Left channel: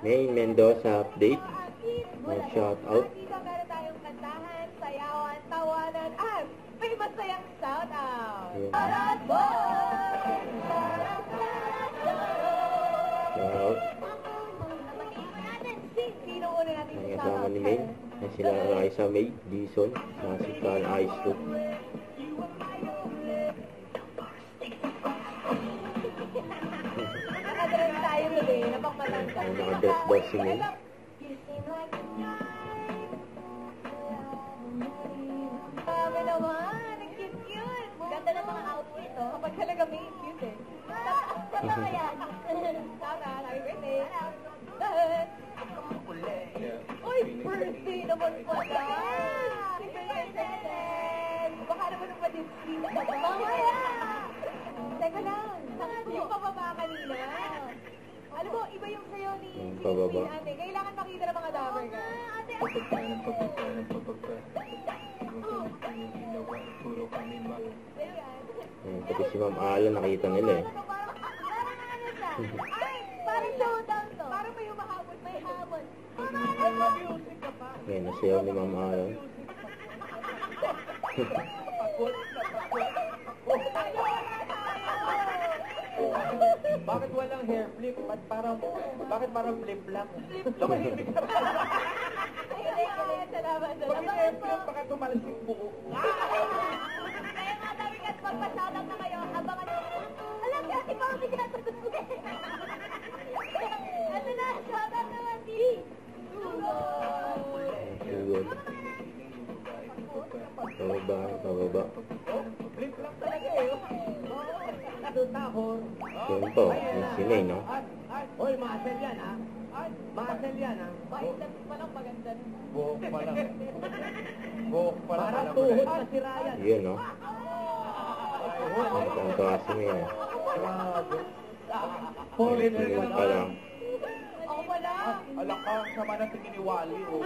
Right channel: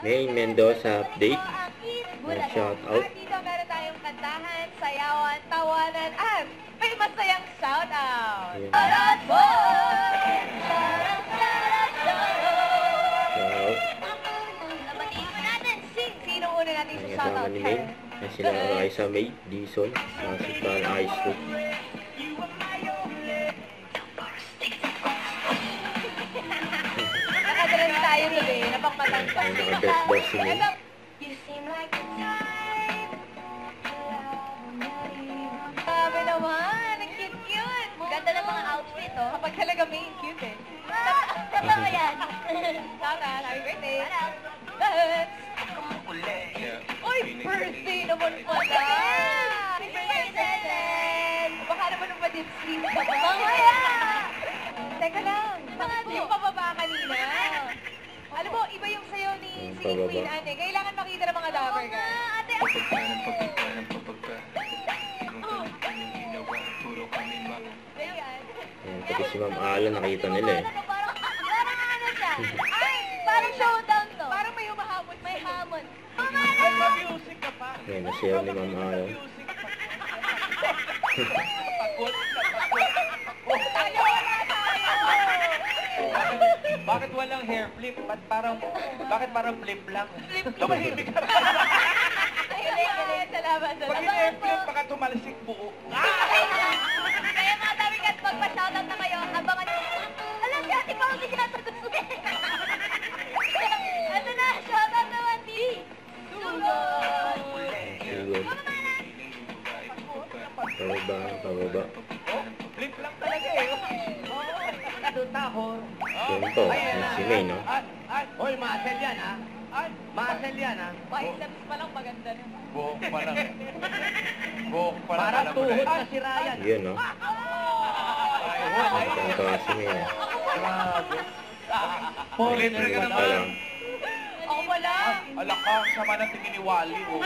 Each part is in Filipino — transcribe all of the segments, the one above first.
May Mendoza update. Shout out. Dito meron tayong kantahan, sayawan, tawanan, at may masayang shout out. Shoutout po! Nabatiin mo natin, sino una natin sa shout out? Ni May. Sila Raisa May, Dison, si Carl Ice. Nakadalan tayo today, napakmatang pa. Naka-best boss si May. Grabe naman, ang cute-cute. Ganda ng mga outfit, oh. Kapag talaga may cute, eh. Tama yan. Tama, happy birthday. Uy, birthday naman pala. Happy birthday. Baka naman nung madipskin ka ba? Mamaya. Teka lang, yung pababa kanina. Alam mo, iba yung sayo ni Queen Anne. Kailangan makita ng mga lover ka. Ate, Pati si Ma'am Ala nakita nila eh. Parang ano siya? Ay, parang showdown to. Parang may humahamon. May hamon. Ay, ma-music ka pa. Ayun, nasiyaw ni Ma'am Ala. Napagod. Tayo, wala tayo. Bakit walang hair flip? Bakit parang flip lang? Tumahimik ka rin. Ayun, salamat. Pag hair flip, baka tumalsik buo. Kaya mga dami kat magpa-shoutout na kayo, abangan nyo. Alam niya, si Paul, hindi sinasagot ko eh. Ito na, shoutout naman, T. Sugod. Sugod. Pababa. Oh, flip lang talaga eh. Tahon. Yun po, si May, no? Hoy, muscle yan, ha? Muscle yan, ha? Biceps pa lang maganda na. Buhok pa lang. Buhok pa lang. Parang tuhod na si Ryan. Yun, no? Ang tawa si May, no? Libre ka Pa lang. Ako wala. Alakang sama ng tingin ni Wally, oh.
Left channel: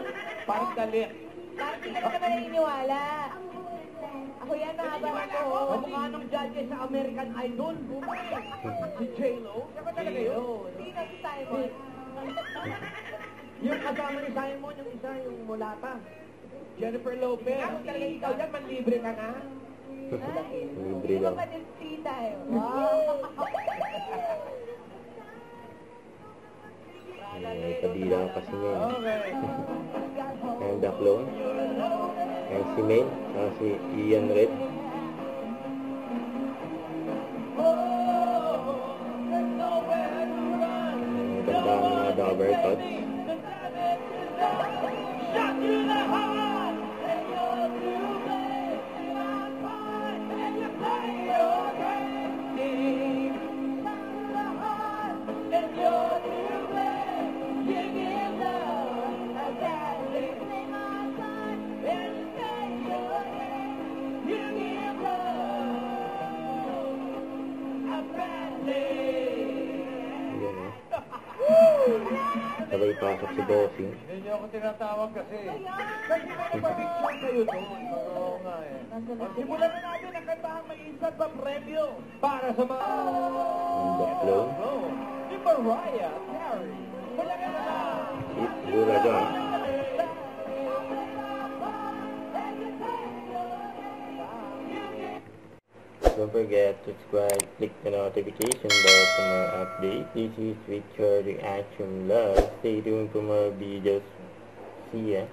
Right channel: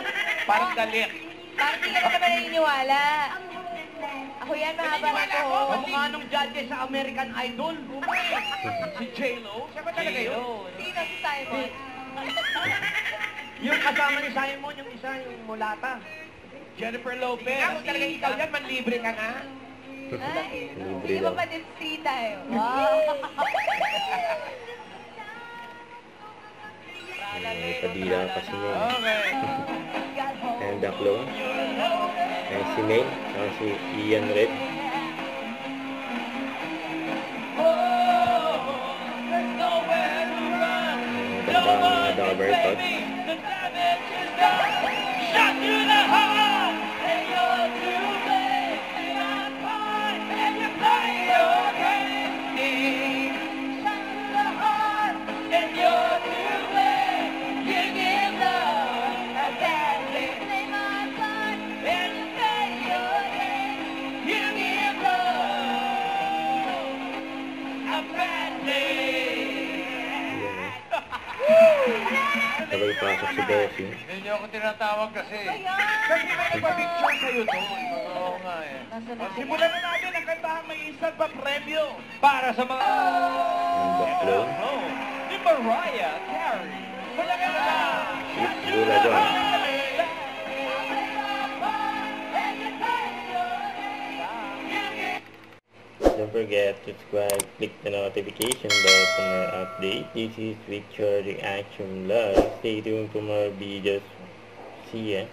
Parang galit. Parang di ka na naman naniniwala. Ako yan, mahaba na to. Kamukha nung judge sa American Idol. Si J-Lo. Siya ba talaga yun? Sino si Simon? Yung kasama ni Simon, yung isa, yung mulata. Jennifer Lopez. Kung talaga ikaw yan, manlibre ka na. Ay, Libre hindi ba daw. pa din free tayo? Wow. May kadila pa si May. Okay. And the clone. And si May. Saka si Ian Red. Ganda ang mga Dabber Tots. Sabay pasok si Bessie. Hindi niyo ako tinatawag kasi. Kasi may nagpa-picture sa'yo doon. Oo nga eh. Simulan na natin ang kantahan may instant pa premyo para sa mga... And the clone. Si Mariah Carey. Malaki na na! Gula dyan. Don't forget to subscribe, click the notification bell for more updates. This is Victor Reaction Love. Stay tuned for more videos. See ya.